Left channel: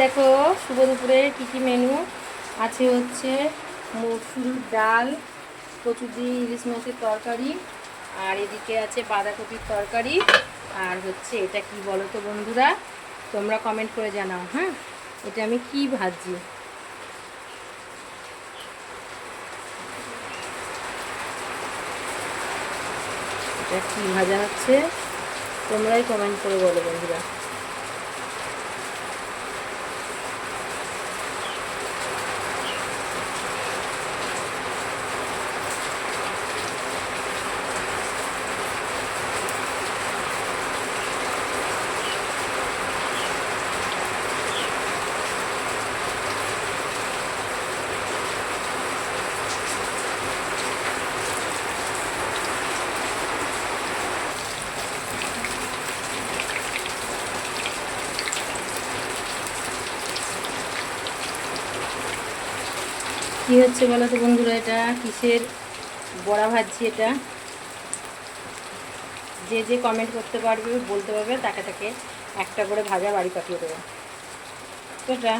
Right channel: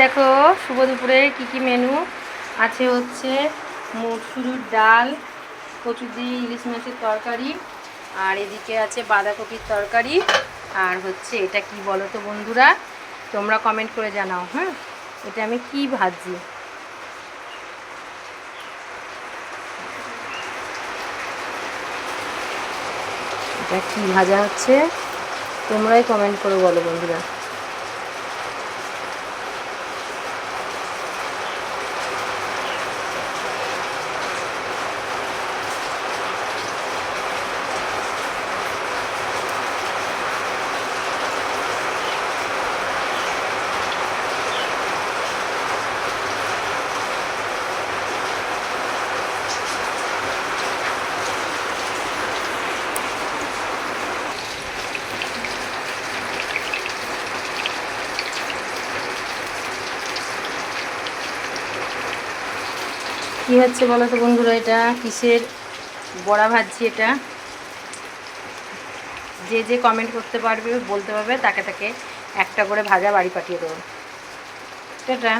দেখো শুভ দুপুরে কি মেনু আছে। হচ্ছে মসুর ডাল, কচু দিয়ে ইলিশ মাছের তরকারি, আর এদিকে আছে বাঁধাকপির তরকারি। আর হচ্ছে এটা কি বলো তো বন্ধুরা, তোমরা কমেন্ট করে জানাও। হ্যাঁ, এটা আমি কি ভাজি, এটা কি ভাজা হচ্ছে তোমরাই কমেন্ট করে বলো বন্ধুরা। কি হচ্ছে বলো তো বন্ধুরা, এটা কিসের বড়া ভাজছি। এটা যে যে কমেন্ট করতে পারবে, বলতে পারবে, তাকে তাকে একটা করে ভাজা বাড়ি পাঠিয়ে দেবো। এটা